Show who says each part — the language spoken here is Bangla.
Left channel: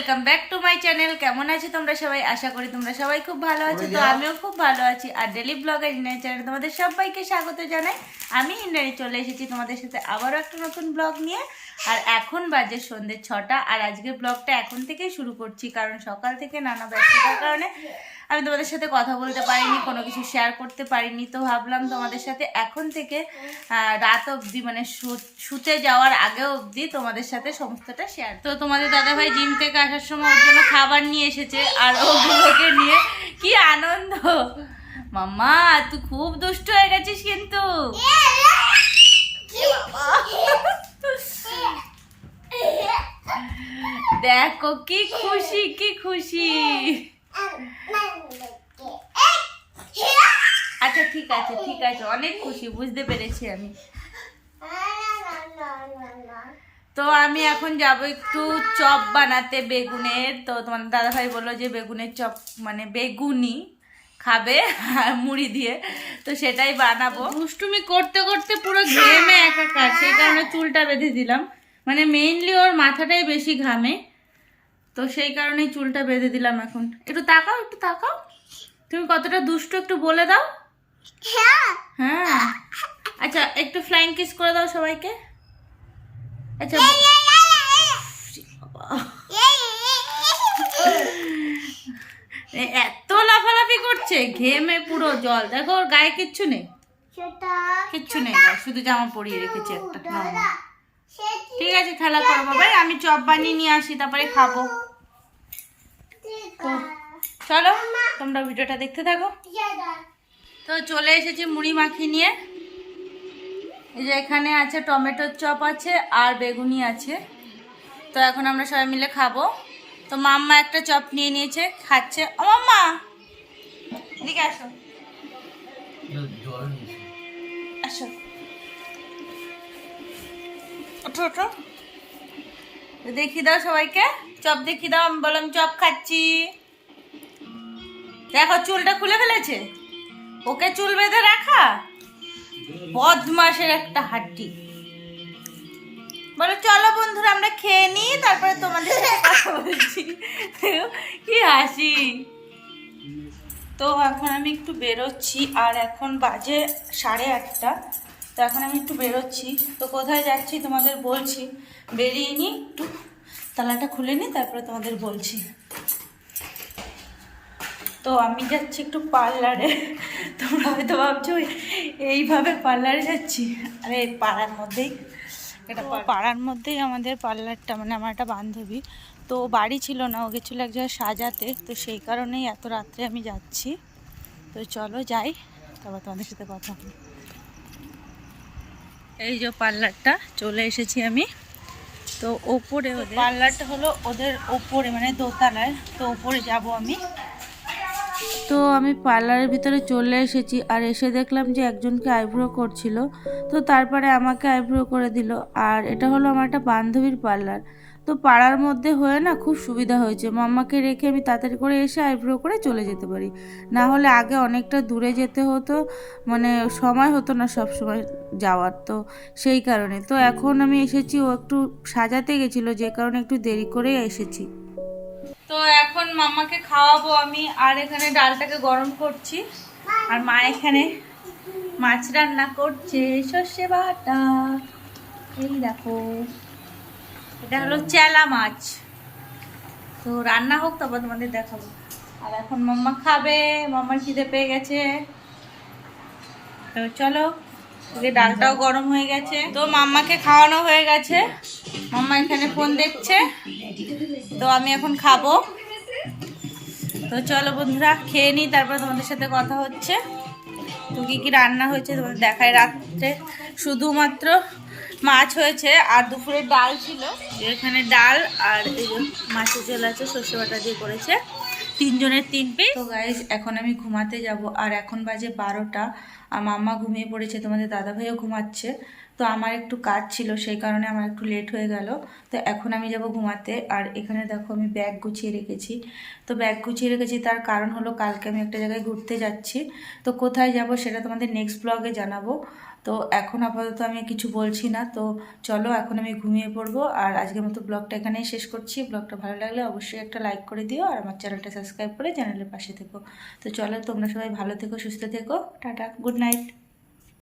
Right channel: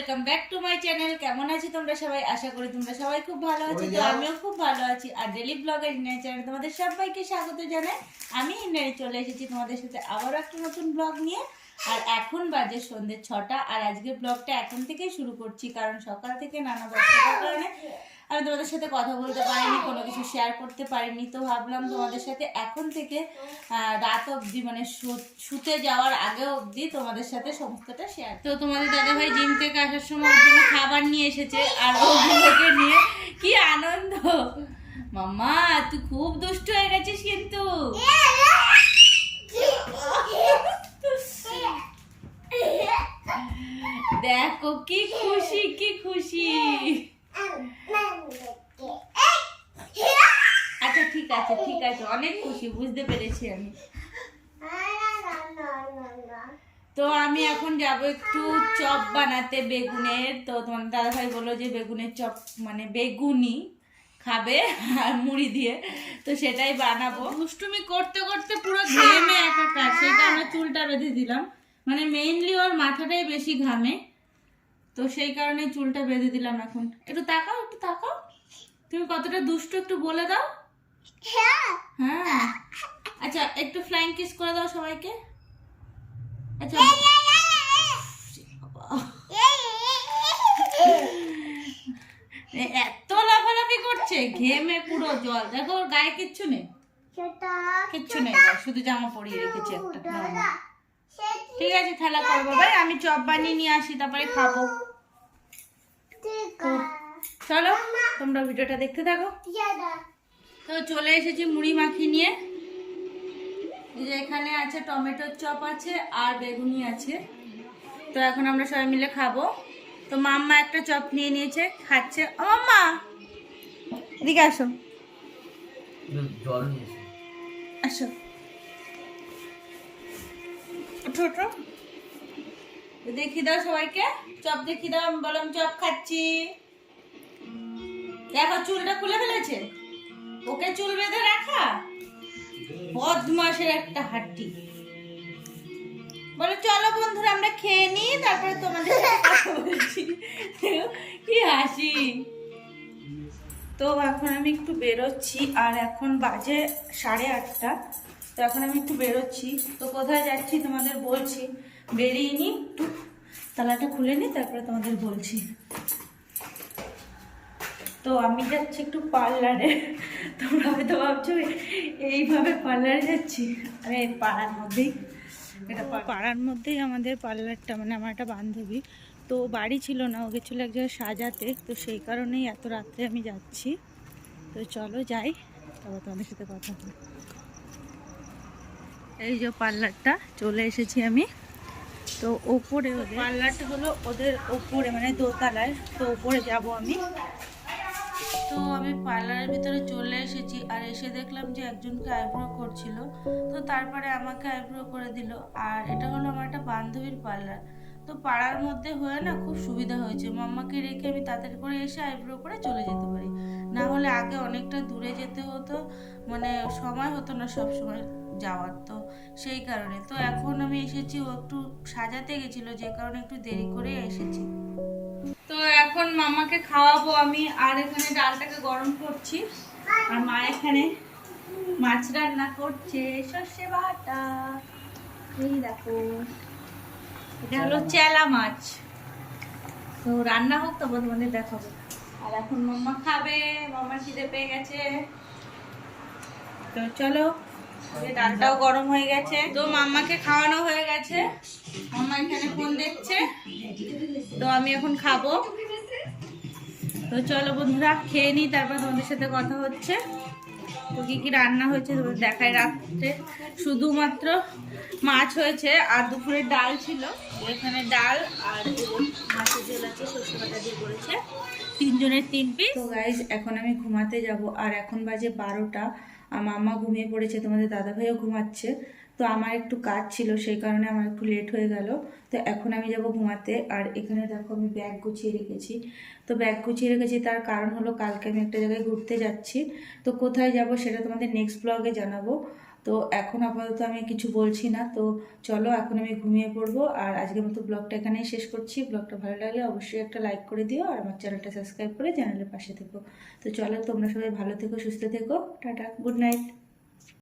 Speaker 1: Welcome back to my channel কেমন আছো তোমরা সবাই? আশা করি তোমরা সবাই খুব ভালো আছো। তো আমিও খুব ভালো আছি। আর ডেলি ব্লগার ইন্ডিয়ান চ্যানেল তোমাদের সবাইকে স্বাগত জানাই। আমি ইন্ডিয়ানে চলে এসেছি তোমাদের সাথে আবারও একটা নতুন ব্লগ নিয়ে। আর এখন বাজে সন্ধ্যে ছটা আর আজকে ব্লগটা এখন থেকেই শুরু করছি কারণ সকাল থেকে নানা ব্যস্ততার কারণে আমি তোমাদের সাথে কথা বলতে পারিনি কোনো কিছু শেয়ার করতে পারিনি। তো ভাবলাম তোমাদের সাথে এখন থেকে রাত অবধি মানে শুতে যাওয়ার আগে অবধি তোমাদের সাথে সমস্তটা শেয়ার তো তোমাদের দাদাভাই জিম থেকে আসার সময় ওর জন্য খাবার নিয়ে এসেছে আর ওগুলোকে নিয়ে কি আনন্দ। মাম্মা, তুই খুব দুষ্ট হয়ে গেছিস কিন্তু। দেখো কি খুশি কি খুশি। আচ্ছা ঠিক আছে ঠিক আছে। অনেক খুশি, বুঝতে পেরেছি আমি। তো আমি এখন যাব একটু চপ বানাতে বেগুনের। তো তোমার দাদাভাই বলল যে বেগুনের চপ মানে বেগুনি খাবে মুড়ি দিয়ে। তো সেটাই বানাবো। দুষ্টুমি করতে করতে পুরো ঘেমে একাকার সেই কারণে চুলটা বেঁধে দিলাম। মানে মেইনলি ওর মাথাটাই বেশি ঘামে। তো সেই কারণেই চুলটা বেঁধে দিলাম এখন। একটু তাকাও একটু তাকাও। তুমি কতটা দুষ্ট একটু বলে দাও। হ্যাঁ। আচ্ছা একটু ফ্লাইং কিস করে দাও সবাইকে। আচ্ছা এত লাফালাফি করছে ঘেমে পুরো জল। দেখো ওর গায়ে কিচ্ছু নেই। কিচ্ছু নেই শুধু জামা পরিয়ে রেখেছি একটা। ঠিক আছে খেলা করো বাবাই আমি চপ বানিয়ে নিয়ে আসি তারপরে খাব। তো চলো তোমরা ভিডিওটা দেখতে থাকো। তো চলে এসেছি মুড়ি মাখি নিয়ে। যে এখানে আছে টমেটোর চপ আছে আর বেগুনি আছে। তো এখন আমরা সবাই মিলে খাব। তো মাম্মা একটা চপ নিয়ে নিয়েছে, খাচ্ছে। ও মাম্মা! এদিকে আসো। আসো। ওঠো ওঠো। দেখি দাও সবাইকে। চপ দেখি দাও, আমি বললাম চপ খাচ্ছি। দেখো, চুলটা খুলে ফেলেছে। ওকে চুল বেঁধে রাখা? বদমাসের একটা হাড্ডি। বলো, চলো বন্ধুরা, আমরা খেয়ে নিই, তারপরে তোমাদের সাথে কথা বলছি। কি হাসি। তো এখন আমি একটু বেরোচ্ছি, আর এখন বাজে সাড়ে আটটা। তো এখন আমি একটু বেরোচ্ছি। তো কোথায় যাচ্ছি তোমাদের বলছি। বেরিয়ে নিই একটু তালাটা খুলে নিই তারপরে তোমাদের বলছি। তো আমি যাচ্ছি একটু পার্লারে। তোমরা হয়তো ভাবছ এইভাবে পার্লারে যাচ্ছি? আরে পাড়ার মধ্যেই। এটা পাড়ার মধ্যেই আমাদের পার্লারটা মানে আমার একটা বান্ধবী। তো বাড়ি ছিল না ও গেছিল এক জায়গায় সাজাতে। তো সেই কারণেই এত রাত্রে আমি যাচ্ছি। তো চলো যাই তারপর তোমাদের সাথে কথা হবে। এই যে পার্লারটা চলে এসেছি আমি। তো ওপরে ওদের পার্লারটা হলো ওদের ওপরে মানে দোতলায়। তো ওপরে যাব আমি। তো আমি পার্লারের ভিতরে চলে এসেছি আর এসে দেখলাম যে একজনকে আইব্রো করছিল। তো তারপরে আমাকে আইব্রো করে দিল। আর এটা হলো আমার একটা বান্ধবীর পার্লার। তো পাড়ার মধ্যে হয়ে না খুব সুবিধা হয়েছে। মাম্মাকে রেখে আমি তাড়াতাড়ি করে এসে আইব্রো করে চলে যেতে পারি। না হলে আগে অনেকটা দূরে যেতে হতো। মানে সময় হতো না সব সময় যাওয়ার তো সেই কারণে। তো এখন আমি এসেছি ও একটু সাজাতে গেছিল। যে কারণে একটু দেরি করে এসেছি। মামাকে খাওয়াবো আমি, আর এখানে ডালটাকে গরম করছি। আর মা এখানে মাছ রান্না করছে, সর্ষে বাটা। এই দেখো, এটা হলো চেলা মাছ। তো রান্না হোক, তারপর তোমাদের দেখাবো। আর এখন মাম্মা খাবে, মাম্মার খিদে পেয়ে গেছে। তো চলো ডালটাও গরম হয়ে গেছে। তো মাম্মাকে খাওয়ানো হয়ে গেছে। মাম্মা এখানে ফোন দেখছে। তো আমি এখন খাব। তো চলো বন্ধুরা, খেয়ে নিই, তারপর তোমাদের সাথে কথা হচ্ছে। তো কী কী রান্না হয়েছে তোমাদের দেখায় রাত্রে। শুধুমাত্র মাছ হয়েছে আর দুপুরে ডাল ছিল। এখানে ডাল আর মাছের ঝোল আছে, সর্ষে বাটা দিয়ে করেছে। তিনজনের তিন পিস তো গাইজ এখন আমি ঘুমাতে যাব। আর এখন বাজে বারোটা। আর মাম্মা ঘুমিয়ে পড়েছে, তোমাদের দাদাভাইও ঘুমাচ্ছে। তো আমার একটু কাজ ছিল, সেই কারণে আমার একটু লেট হয়ে গেল। তো এখন আমি যাব ঘুমাতে, আর এখানে দেখো আমি ব্যাগ গুছিয়ে রেখেছি। তো ব্যাগ গুছিয়ে রেখেছি, তার কারণ হলো কালকে আমি একটা জায়গায় ঘুরতে যাচ্ছি। তো কোথায় যাব সেটা তোমাদের নেক্সট ব্লগে জানাব। তো এখন আপাতত আমি কিছু বলছি না, তো চলো এখন আমি ঘুমিয়ে পড়ব। আর আজকের মতো ব্লগটা এখানেই শেষ করছি। ব্লগটা ভালো লাগলে অবশ্যই একটা লাইক করে দিও, আর আমার চ্যানেলটা সাবস্ক্রাইব করে চ্যানেলের পাশে থেকো। তো চলো তোমরা সবাই ভালো থেকো, সুস্থ থেকো, টাটা গুড নাইট